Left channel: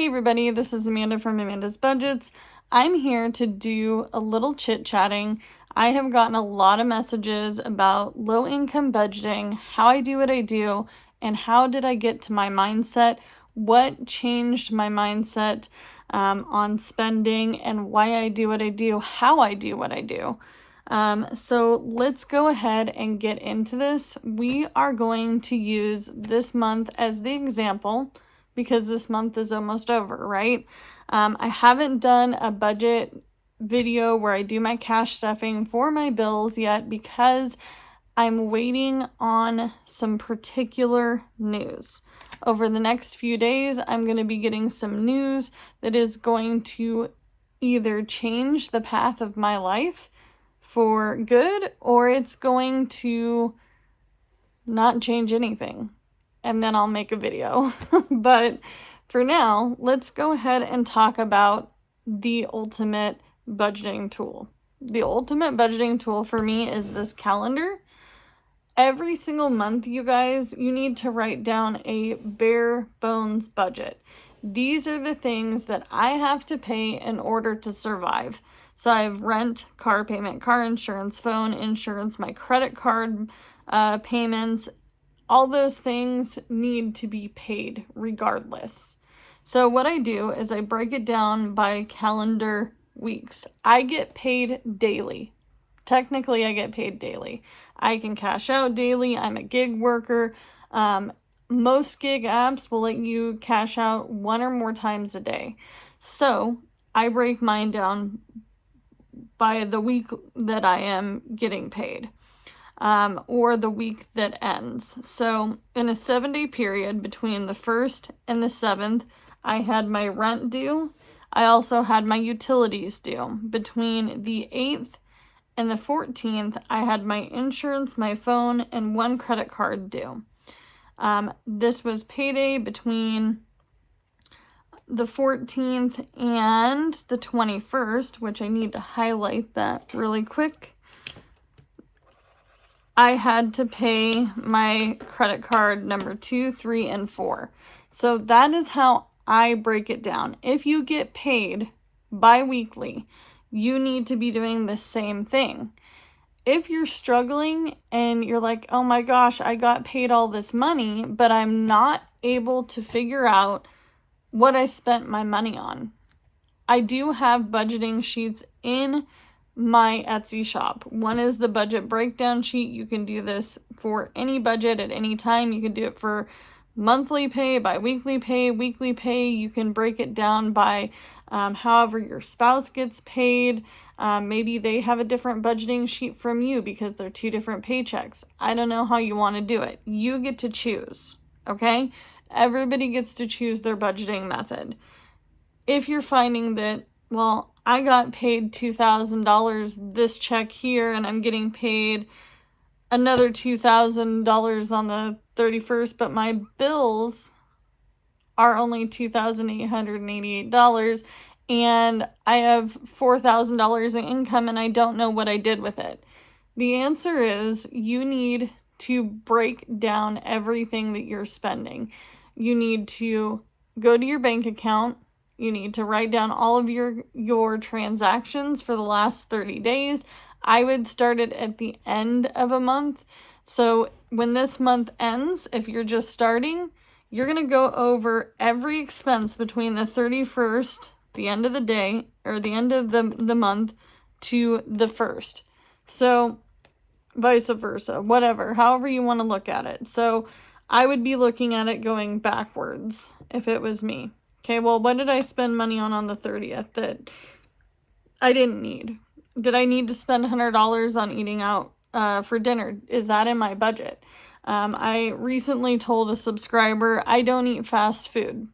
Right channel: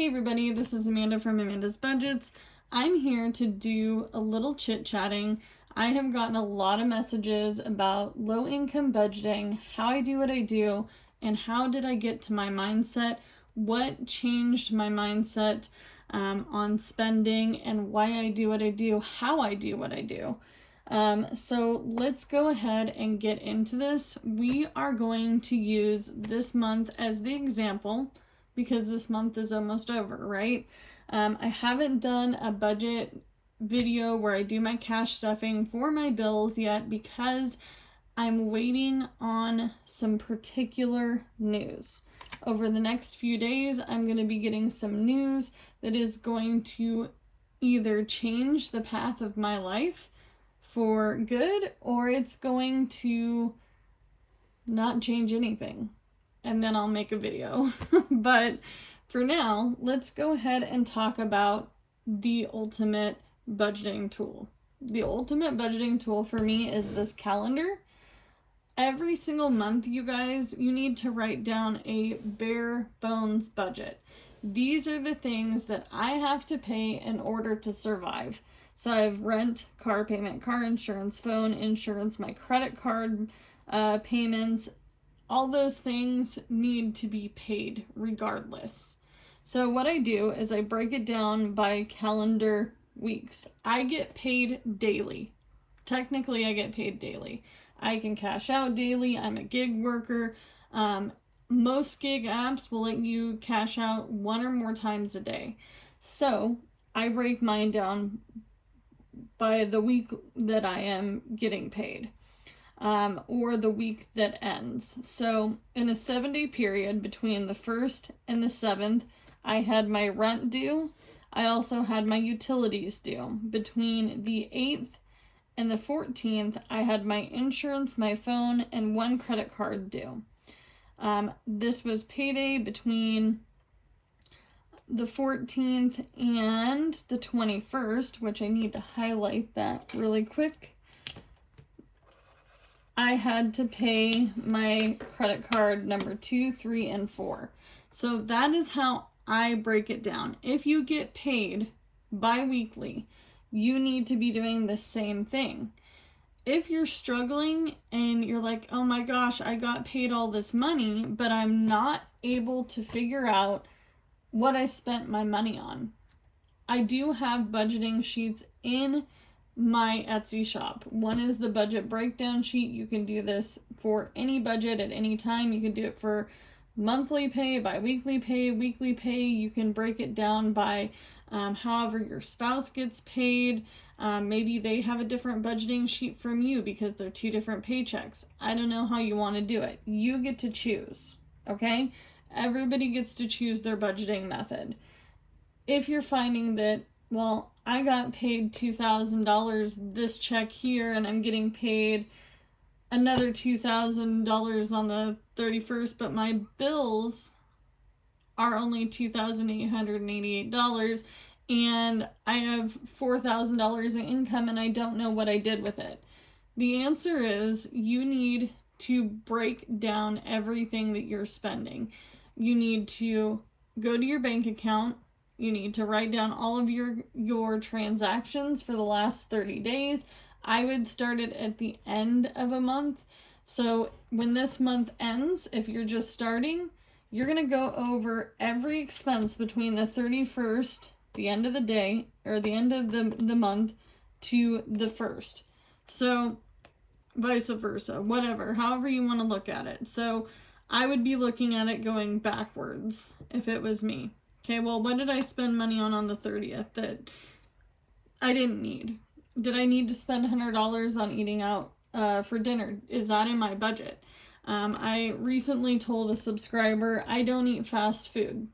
Hey everybody, this is Amanda from Amanda's Budgets. I'm here to do a little chit-chatting. I have gotten a lot of messages about low-income budgeting, how I do what I do, and how did I get to my mindset, what changed my mindset on spending, and why I do what I do, how I do what I do. So let's go ahead and get into this. We are going to use this month as the example, because this month is almost over, right? I haven't done a budget video where I do my cash stuffing for my bills yet because I'm waiting on some particular news. Over the next few days, I'm going to be getting some news that is going to either change the path of my life for good, or it's going to not change anything. And then I'll make a video. But for now, let's go ahead and talk about the ultimate budgeting tool. The ultimate budgeting tool for me is this calendar. Every single month, you guys, you need to write down a bare bones budget. These are the things that I have to pay in order to survive. So I have rent, car payment, car insurance, phone insurance, my credit card payments. All those things need to be paid regardless. So what I do is I break it down by calendar weeks. I get paid daily. Technically, I get paid daily. I can cash out daily. I'm a gig worker. Most gig apps will let you cash out 1 or more times a day. So I break mine down by the week that I am getting paid. Or the week that ends. So in a 7-day period between the 1st and the 7th, I had my rent due. I also had my utilities due. Between the 8th and the 14th, I had my insurance, my phone, and 1 credit card due. This was payday between the 14th and the 21st, which I need to highlight that really quick. I had to pay my credit card number 2, 3, and 4. So that is how I break it down. If you get paid bi-weekly, you need to be doing the same thing. If you're struggling and you're like, oh my gosh, I got paid all this money, but I'm not able to figure out what I spent my money on. I do have budgeting sheets in my Etsy shop. One is the budget breakdown sheet. You can do this for any budget at any time. You can do it for monthly pay, bi-weekly pay, weekly pay. You can break it down by however your spouse gets paid. Maybe they have a different budgeting sheet from you because they're 2 different paychecks. I don't know how you want to do it. You get to choose, okay? Everybody gets to choose their budgeting method. If you're finding that, well, I got paid $2,000 this check here, and I'm getting paid another $2,000 on the 31st, but my bills are only $2,888, and I have $4,000 in income, and I don't know what I did with it. The answer is you need to break down everything that you're spending. You need to go to your bank account. You need to write down all of your transactions for the last 30 days. I would start it at the end of a month. So when this month ends, if you're just starting, you're going to go over every expense between the 31st, the end of the day, or the end of the month, to the 1st. So vice versa, whatever, however you want to look at it. So I would be looking at it going backwards if it was me. Okay, well, what did I spend money on the 30th that I didn't need? Did I need to spend $100 on eating out for dinner? Is that in my budget? I recently told a subscriber I don't eat fast food.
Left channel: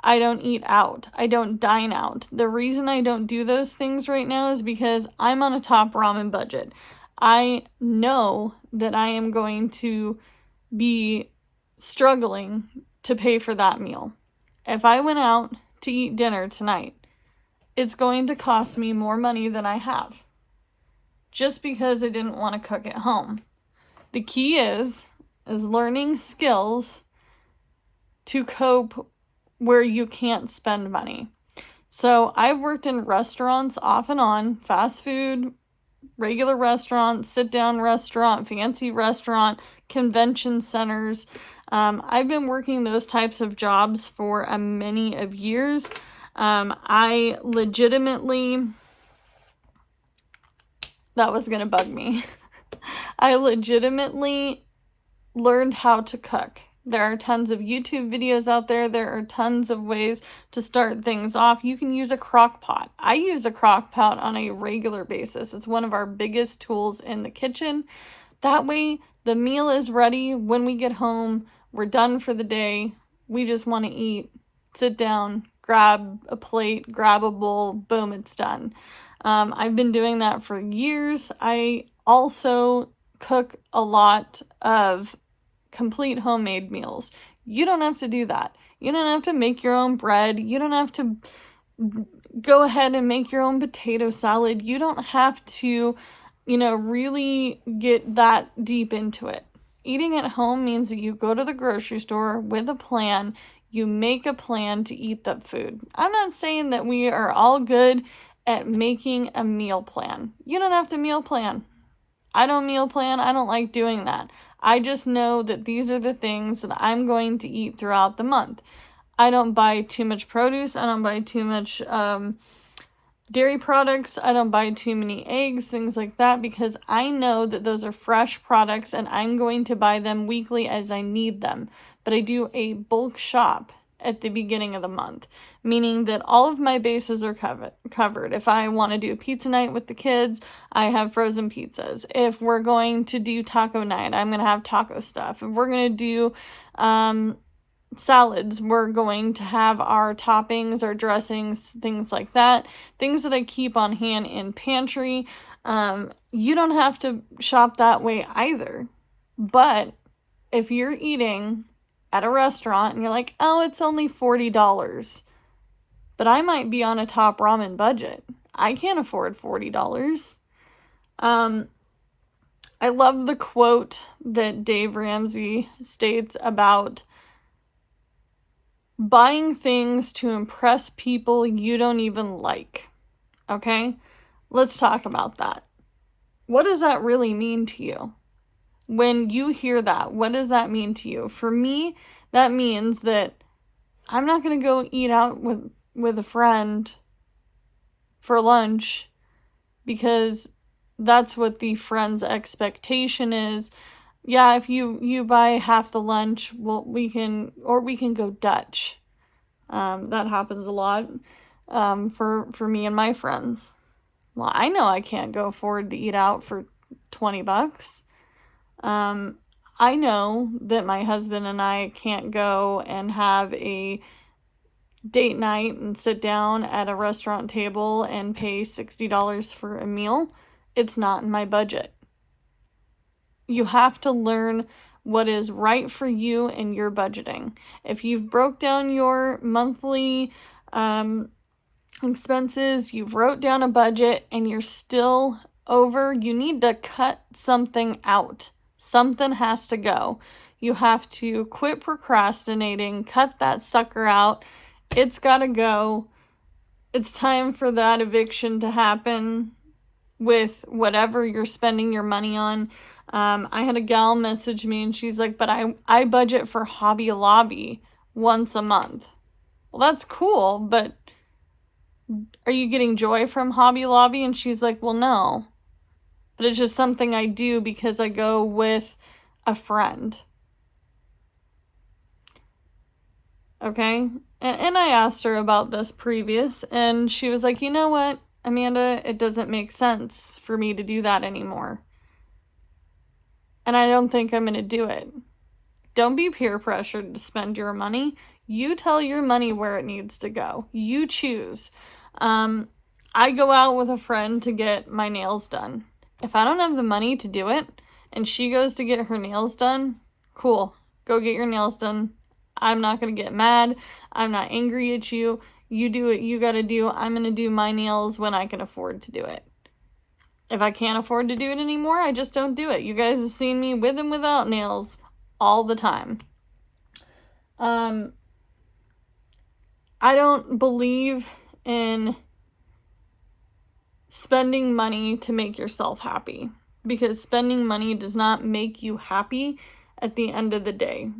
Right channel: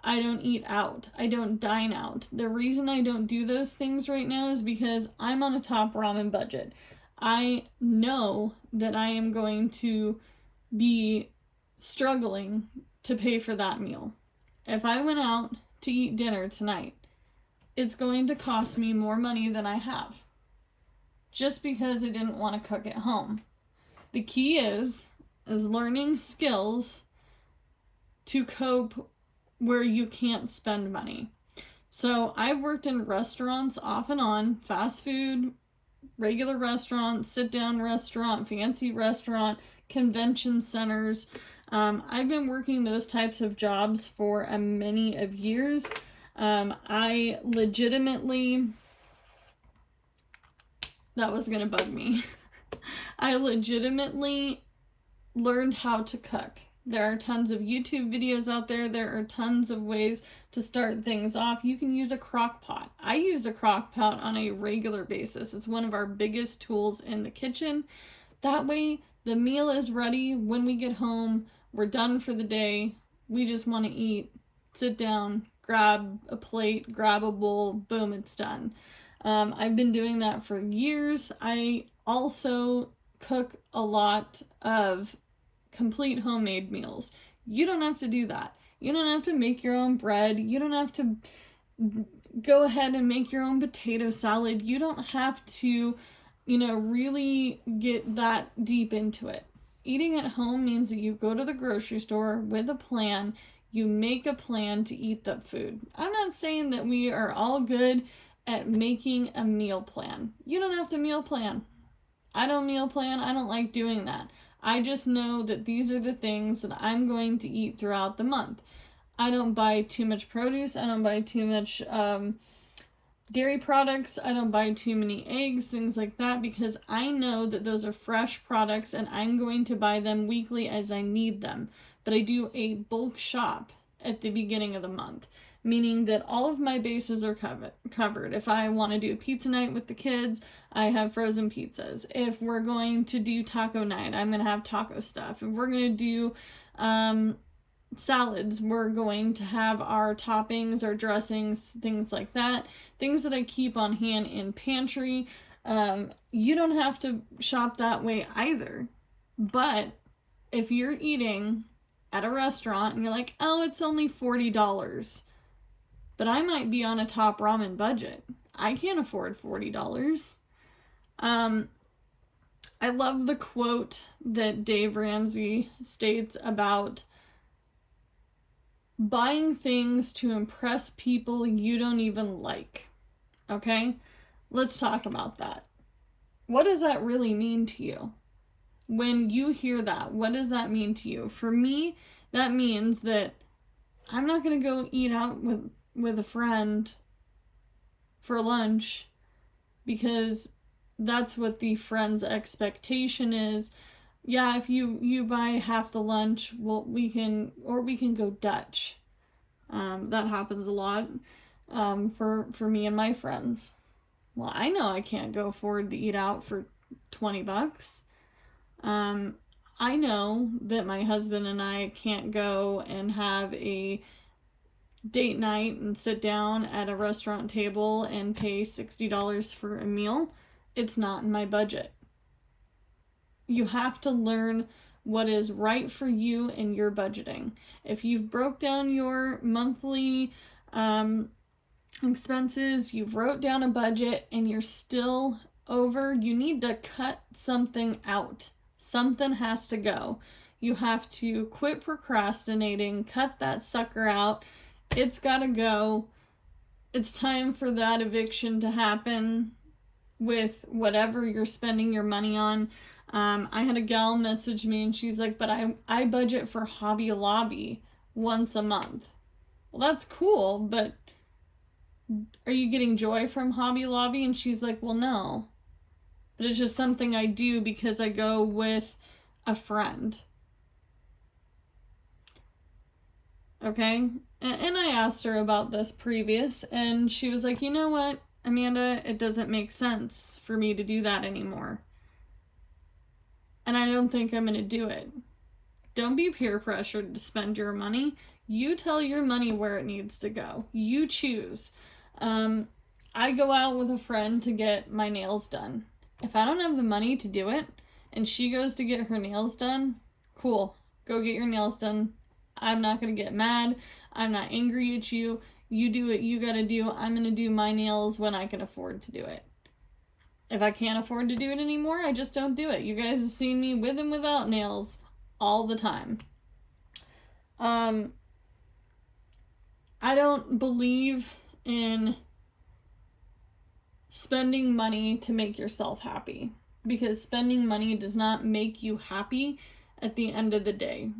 I don't eat out. I don't dine out. The reason I don't do those things right now is because I'm on a top ramen budget. I know that I am going to be struggling to pay for that meal. If I went out to eat dinner tonight, it's going to cost me more money than I have, just because I didn't want to cook at home. The key is learning skills to cope where you can't spend money. So I've worked in restaurants off and on, fast food, regular restaurant, sit-down restaurant, fancy restaurant, convention centers. I've been working those types of jobs for a many of years. I legitimately, that was gonna bug me. I legitimately learned how to cook. There are tons of YouTube videos out there. There are tons of ways to start things off. You can use a crock pot. I use a crock pot on a regular basis. It's one of our biggest tools in the kitchen. That way, the meal is ready when we get home. We're done for the day. We just want to eat, sit down, grab a plate, grab a bowl, boom, it's done. I've been doing that for years. I also cook a lot of complete homemade meals. You don't have to do that. You don't have to make your own bread. You don't have to go ahead and make your own potato salad. You don't have to, really get that deep into it. Eating at home means that you go to the grocery store with a plan. You make a plan to eat that food. I'm not saying that we are all good at making a meal plan. You don't have to meal plan. I don't meal plan. I don't like doing that. I just know that these are the things that I'm going to eat throughout the month. I don't buy too much produce. I don't buy too much dairy products. I don't buy too many eggs, things like that, because I know that those are fresh products and I'm going to buy them weekly as I need them. But I do a bulk shop at the beginning of the month, meaning that all of my bases are covered. If I want to do pizza night with the kids, I have frozen pizzas. If we're going to do taco night, I'm going to have taco stuff. If we're going to do salads, we're going to have our toppings, our dressings, things like that. Things that I keep on hand in pantry. You don't have to shop that way either. But if you're eating at a restaurant and you're like, oh, it's only $40. But I might be on a top ramen budget. I can't afford $40. I love the quote that Dave Ramsey states about buying things to impress people you don't even like. Okay? Let's talk about that. What does that really mean to you? When you hear that, what does that mean to you? For me, that means that I'm not going to go eat out with a friend for lunch because that's what the friend's expectation is. Yeah, if you buy half the lunch, well, we can go Dutch. That happens a lot for me and my friends. Well, I know I can't go afford to eat out for $20. I know that my husband and I can't go and have a date night and sit down at a restaurant table and pay $60 for a meal. It's not in my budget. You have to learn what is right for you and your budgeting. If you've broke down your monthly expenses, you've wrote down a budget and you're still over, you need to cut something out. Something has to go. You have to quit procrastinating, cut that sucker out. It's got to go. It's time for that eviction to happen with whatever you're spending your money on. I had a gal message me and she's like, but I budget for Hobby Lobby once a month. Well, that's cool, but are you getting joy from Hobby Lobby? And she's like, well, no. But it's just something I do because I go with a friend. Okay? And I asked her about this previous, and she was like, you know what, Amanda, it doesn't make sense for me to do that anymore. And I don't think I'm going to do it. Don't be peer pressured to spend your money. You tell your money where it needs to go. You choose. I go out with a friend to get my nails done. If I don't have the money to do it, and she goes to get her nails done, cool. Go get your nails done. I'm not going to get mad. I'm not angry at you. You do what you got to do. I'm going to do my nails when I can afford to do it. If I can't afford to do it anymore, I just don't do it. You guys have seen me with and without nails all the time. I don't believe in spending money to make yourself happy, because spending money does not make you happy at the end of the day.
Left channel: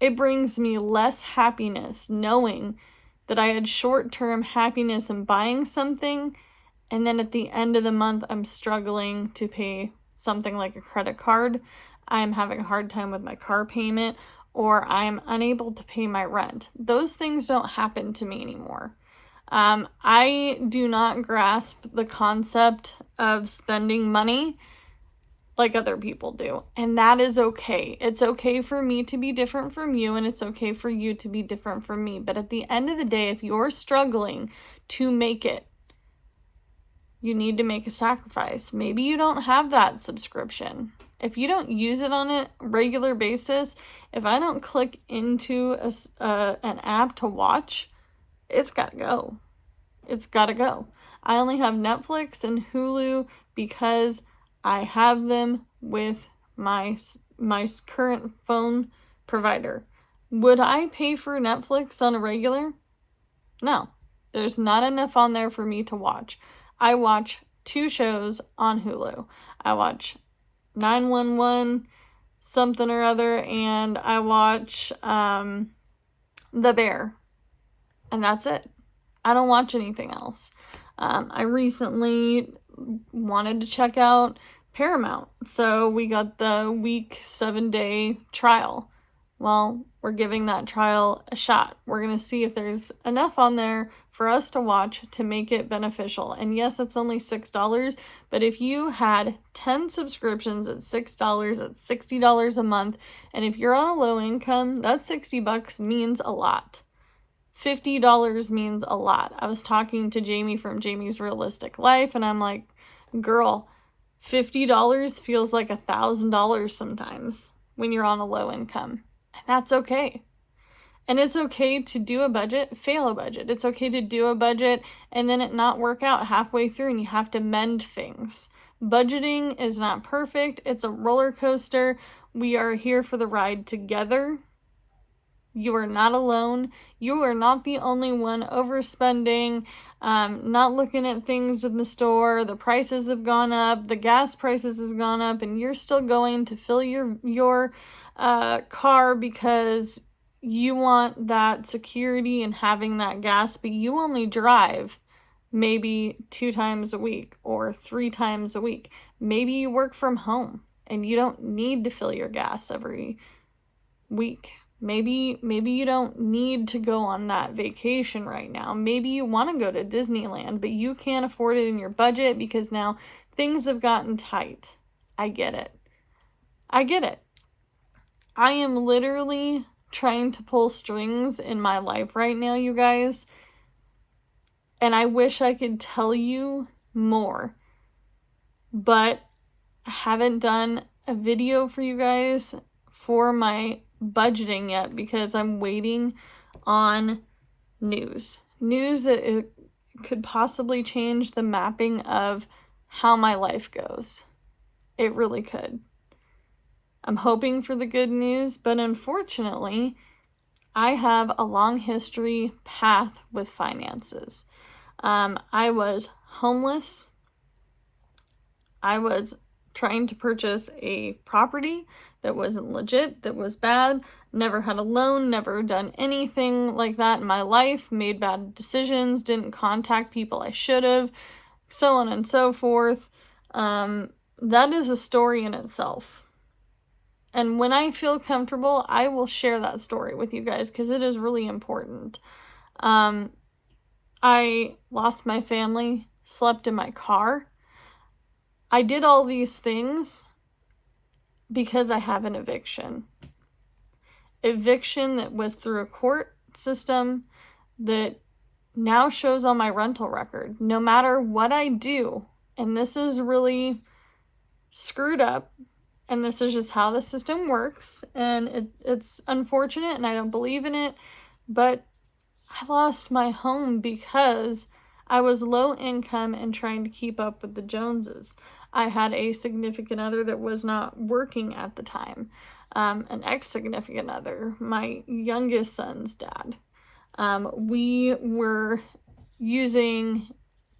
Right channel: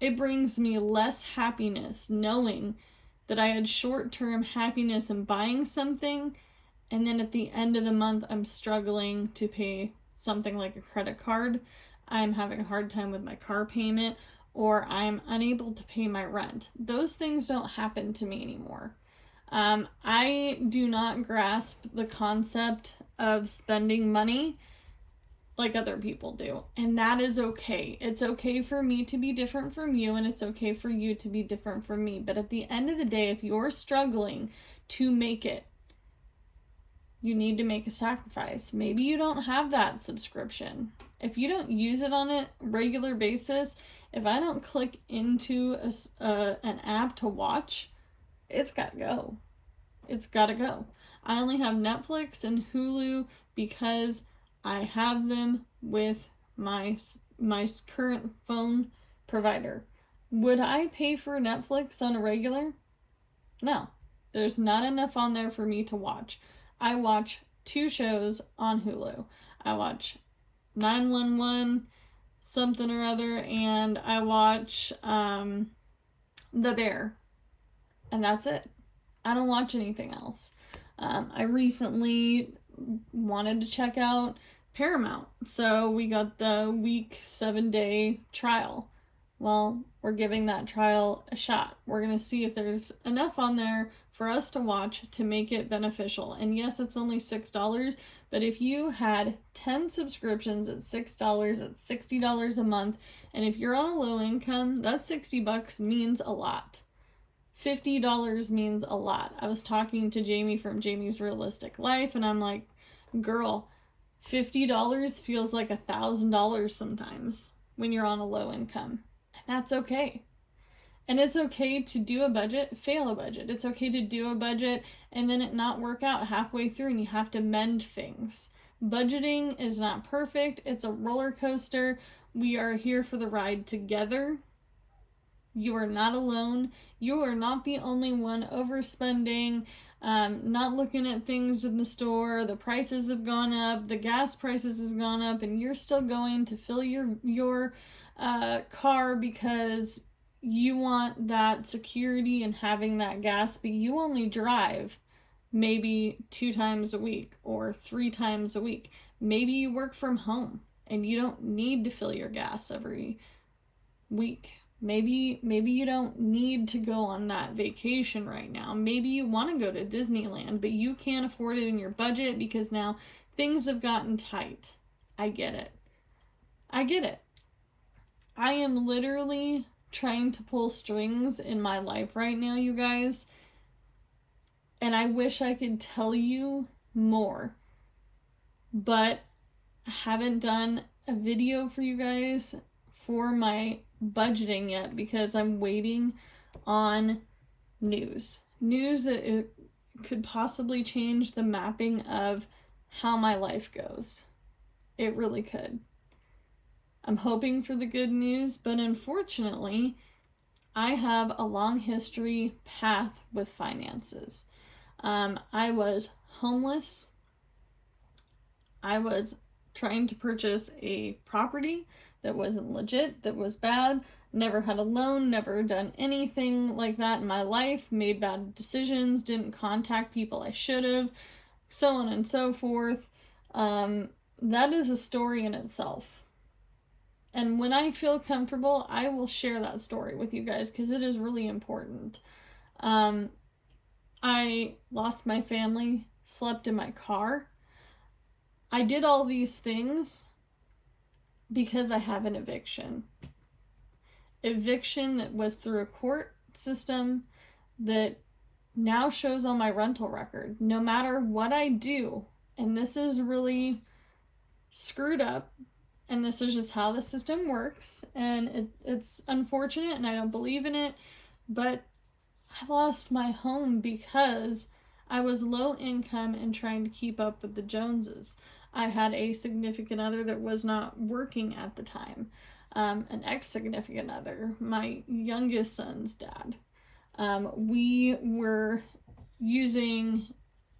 It brings me less happiness knowing that I had short-term happiness in buying something, and then at the end of the month, I'm struggling to pay something like a credit card. I'm having a hard time with my car payment, or I'm unable to pay my rent. Those things don't happen to me anymore. I do not grasp the concept of spending money like other people do, and that is okay. It's okay for me to be different from you, and it's okay for you to be different from me. But at the end of the day, if you're struggling to make it, you need to make a sacrifice. Maybe you don't have that subscription. If you don't use it on a regular basis, if I don't click into an app to watch, it's got to go. It's got to go. I only have Netflix and Hulu because I have them with my current phone provider. Would I pay for Netflix on a regular? No. There's not enough on there for me to watch. I watch 2 shows on Hulu. I watch 911 something or other, and I watch The Bear, and that's it. I don't watch anything else. I recently wanted to check out Paramount, so we got the week 7-day trial. Well, we're giving that trial a shot. We're going to see if there's enough on there for us to watch to make it beneficial. And yes, it's only $6, but if you had 10 subscriptions at $6, that's $60 a month. And if you're on a low income, that $60 means a lot. $50 means a lot. I was talking to Jamie from Jamie's Realistic Life, and I'm like, girl, $50 feels like $1,000 sometimes when you're on a low income. And that's okay. And it's okay to do a budget, fail a budget. It's okay to do a budget and then it not work out halfway through and you have to mend things. Budgeting is not perfect. It's a roller coaster. We are here for the ride together. You are not alone. You are not the only one overspending, not looking at things in the store. The prices have gone up. The gas prices has gone up, and you're still going to fill your car because you want that security and having that gas, but you only drive maybe 2 times a week or 3 times a week. Maybe you work from home and you don't need to fill your gas every week. Maybe you don't need to go on that vacation right now. Maybe you want to go to Disneyland, but you can't afford it in your budget because now things have gotten tight. I get it. I am literally trying to pull strings in my life right now, you guys. And I wish I could tell you more, but I haven't done a video for you guys for my budgeting yet because I'm waiting on news that it could possibly change the mapping of how my life goes. It really could. I'm hoping for the good news, but unfortunately, I have a long history path with finances. I was homeless. I was trying to purchase a property that wasn't legit, that was bad, never had a loan, never done anything like that in my life, made bad decisions, didn't contact people I should have, so on and so forth. That is a story in itself. And when I feel comfortable, I will share that story with you guys because it is really important. I lost my family, slept in my car. I did all these things because I have an eviction. Eviction that was through a court system that now shows on my rental record. No matter what I do, and this is really screwed up, and this is just how the system works, and it's unfortunate, and I don't believe in it, but I lost my home because I was low income and trying to keep up with the Joneses. I had a significant other that was not working at the time, an ex-significant other, my youngest son's dad. We were using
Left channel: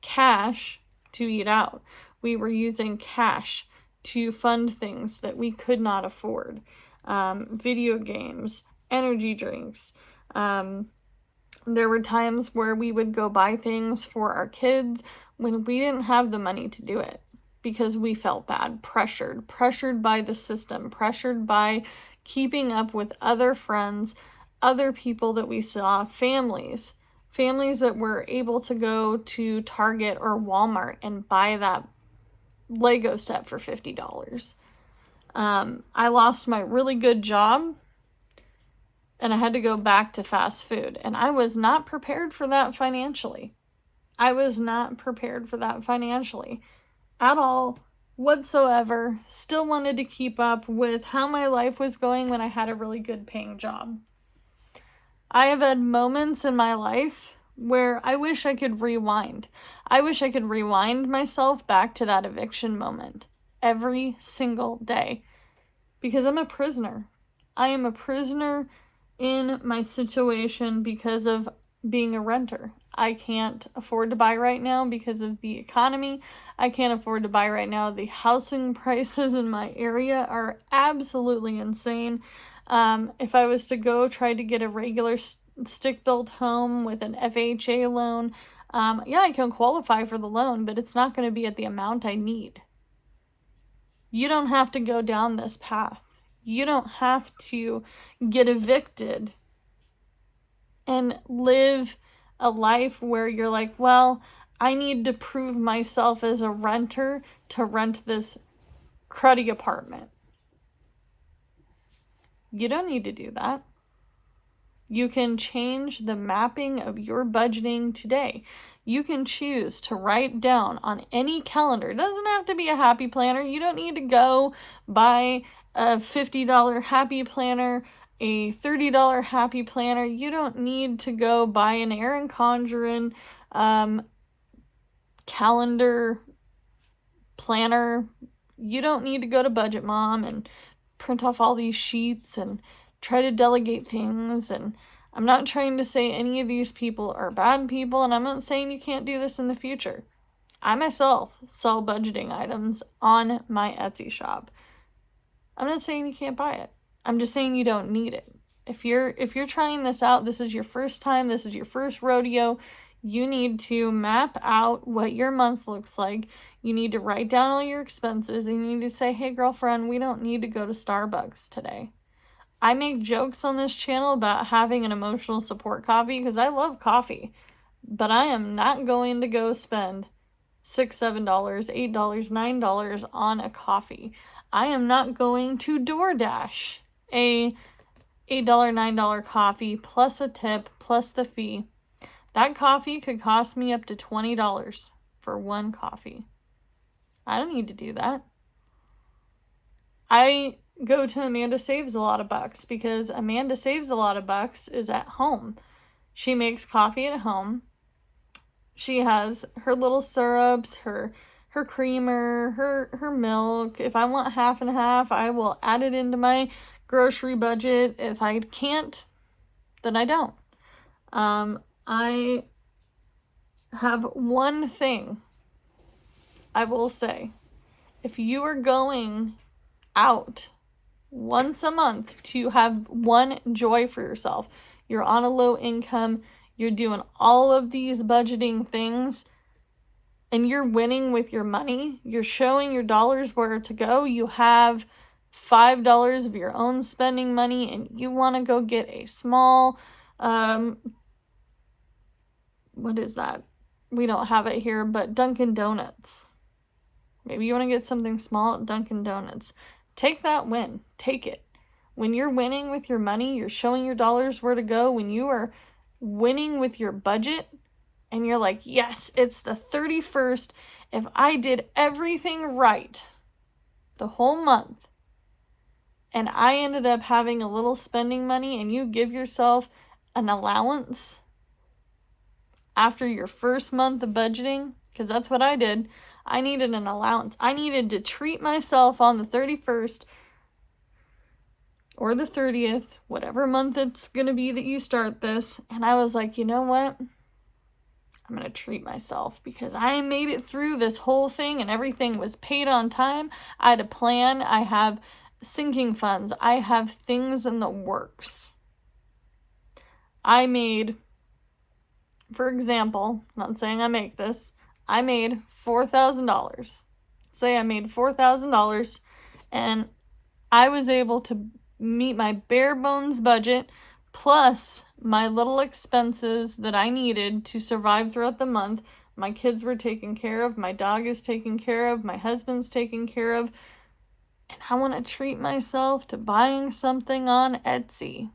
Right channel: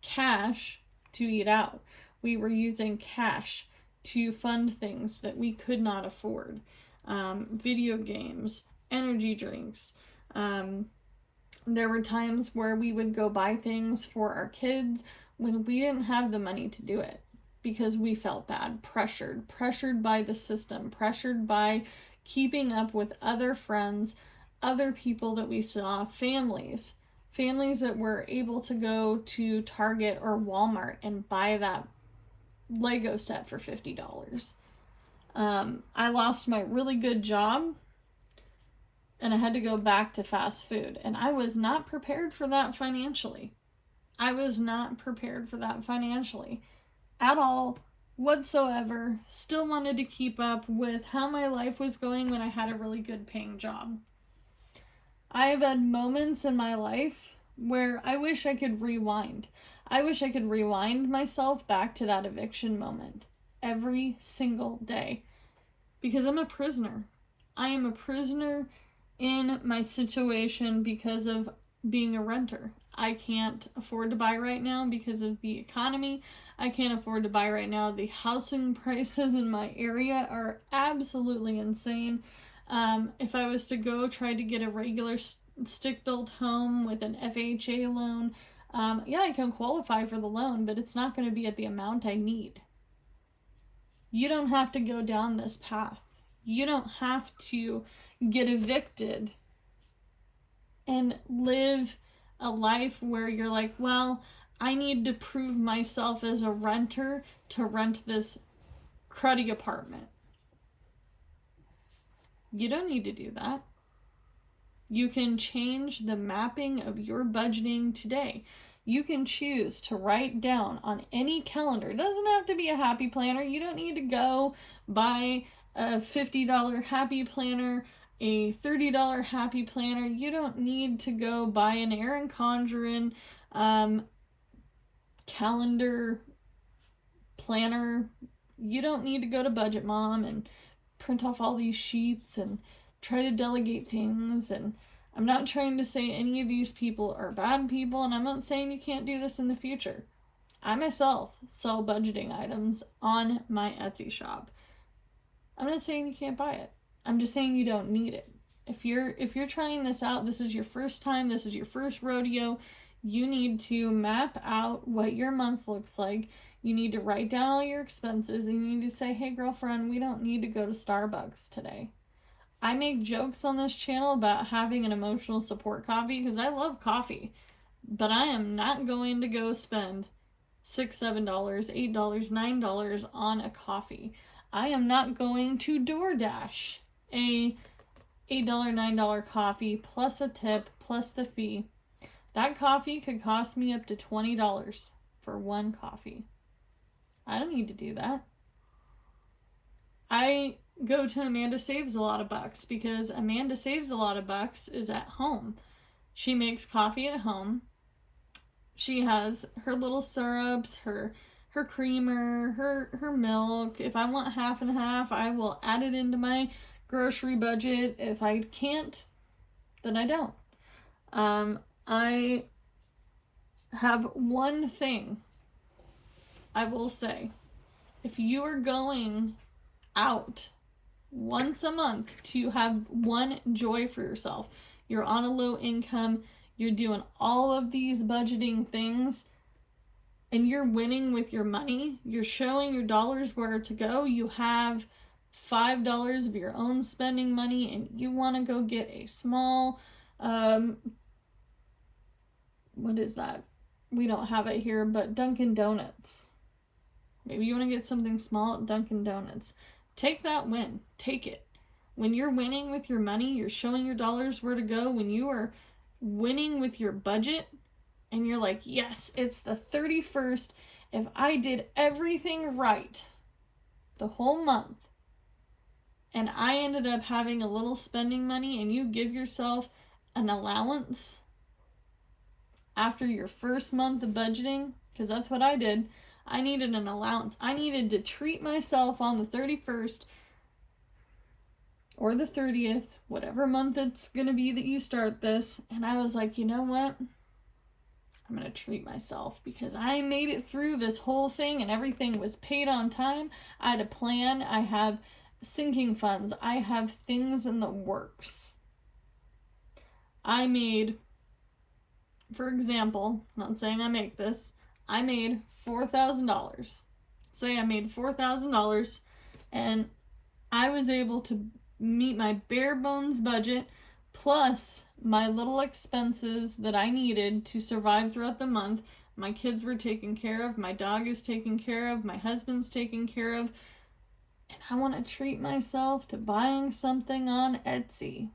cash to eat out. We were using cash to fund things that we could not afford. Video games, energy drinks. There were times where we would go buy things for our kids when we didn't have the money to do it because we felt bad, pressured by the system, pressured by keeping up with other friends, other people that we saw, families that were able to go to Target or Walmart and buy that Lego set for $50. I lost my really good job and I had to go back to fast food, and I was not prepared for that financially. I was not prepared for that financially at all whatsoever. Still wanted to keep up with how my life was going when I had a really good paying job. I have had moments in my life where I wish I could rewind. I wish I could rewind myself back to that eviction moment every single day because I'm a prisoner. I am a prisoner in my situation because of being a renter. I can't afford to buy right now because of the economy. I can't afford to buy right now. The housing prices in my area are absolutely insane. If I was to go try to get a regular stick-built home with an FHA loan, yeah, I can qualify for the loan, but it's not going to be at the amount I need. You don't have to go down this path. You don't have to get evicted and live a life where you're like, well, I need to prove myself as a renter to rent this cruddy apartment. You don't need to do that. You can change the mapping of your budgeting today. You can choose to write down on any calendar. It doesn't have to be a happy planner. You don't need to go buy a $50 happy planner, a $30 happy planner. You don't need to go buy an Erin Condren calendar planner. You don't need to go to Budget Mom and print off all these sheets and try to delegate things. And I'm not trying to say any of these people are bad people, and I'm not saying you can't do this in the future. I myself sell budgeting items on my Etsy shop. I'm not saying you can't buy it. I'm just saying you don't need it. If you're trying this out, this is your first time, this is your first rodeo, you need to map out what your month looks like. You need to write down all your expenses, and you need to say, hey girlfriend, we don't need to go to Starbucks today. I make jokes on this channel about having an emotional support coffee because I love coffee, but I am not going to go spend $6, $7, $8, $9 on a coffee. I am not going to DoorDash a $8, $9 coffee plus a tip plus the fee. That coffee could cost me up to $20 for one coffee. I don't need to do that. I go to Amanda Saves a Lot of Bucks because Amanda Saves a Lot of Bucks is at home. She makes coffee at home. She has her little syrups, her creamer, her milk. If I want half and half, I will add it into my grocery budget. If I can't, then I don't. I have one thing I will say. If you are going out once a month to have one joy for yourself, you're on a low income, you're doing all of these budgeting things, and you're winning with your money, you're showing your dollars where to go, you have $5 of your own spending money, and you want to go get a small, what is that? We don't have it here, but Dunkin' Donuts. Maybe you want to get something small at Dunkin' Donuts. Take that win. Take it. When you're winning with your money, you're showing your dollars where to go. When you are winning with your budget, and you're like, yes, it's the 31st. If I did everything right the whole month, and I ended up having a little spending money, and you give yourself an allowance after your first month of budgeting, because that's what I did. I needed an allowance. I needed to treat myself on the 31st or the 30th, whatever month it's going to be that you start this. And I was like, you know what? I'm going to treat myself because I made it through this whole thing and everything was paid on time. I had a plan. I have sinking funds. I have things in the works. I made, for example, not saying I make this, I made $4,000. Say I made $4,000 and I was able to meet my bare bones budget plus my little expenses that I needed to survive throughout the month. My kids were taken care of, my dog is taken care of, my husband's taken care of, and I want to treat myself to buying something on Etsy.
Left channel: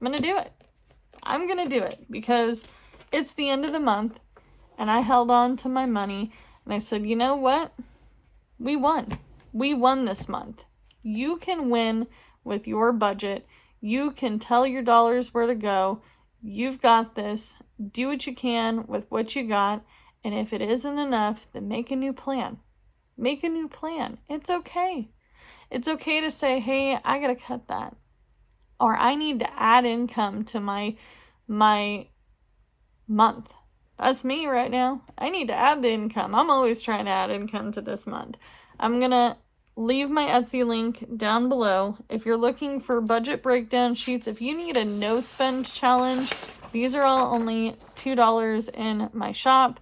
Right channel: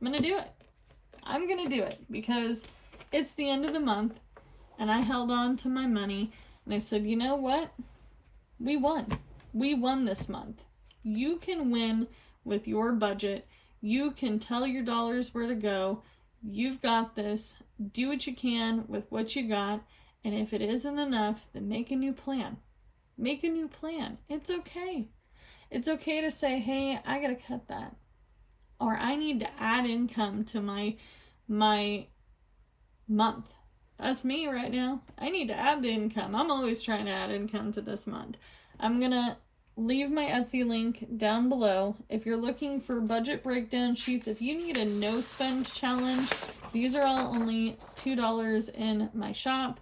I'm going to do it. I'm going to do it because it's the end of the month and I held on to my money and I said, you know what? We won. We won this month. You can win with your budget. You can tell your dollars where to go. You've got this. Do what you can with what you got. And if it isn't enough, then make a new plan. Make a new plan. It's okay. It's okay to say, hey, I got to cut that. Or I need to add income to my month. That's me right now. I need to add the income. I'm always trying to add income to this month. I'm going to leave my Etsy link down below. If you're looking for budget breakdown sheets, if you need a no spend challenge, these are all only $2 in my shop.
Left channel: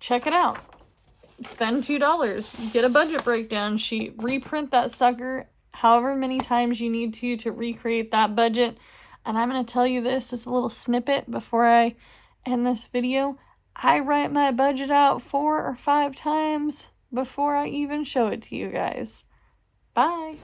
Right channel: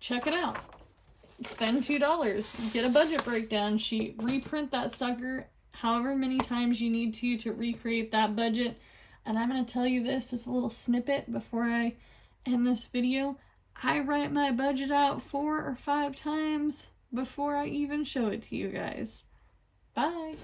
Check it out. Spend $2, get a budget breakdown sheet, reprint that sucker however many times you need to recreate that budget. And I'm going to tell you this as a little snippet before I end this video. I write my budget out 4 or 5 times before I even show it to you guys. Bye.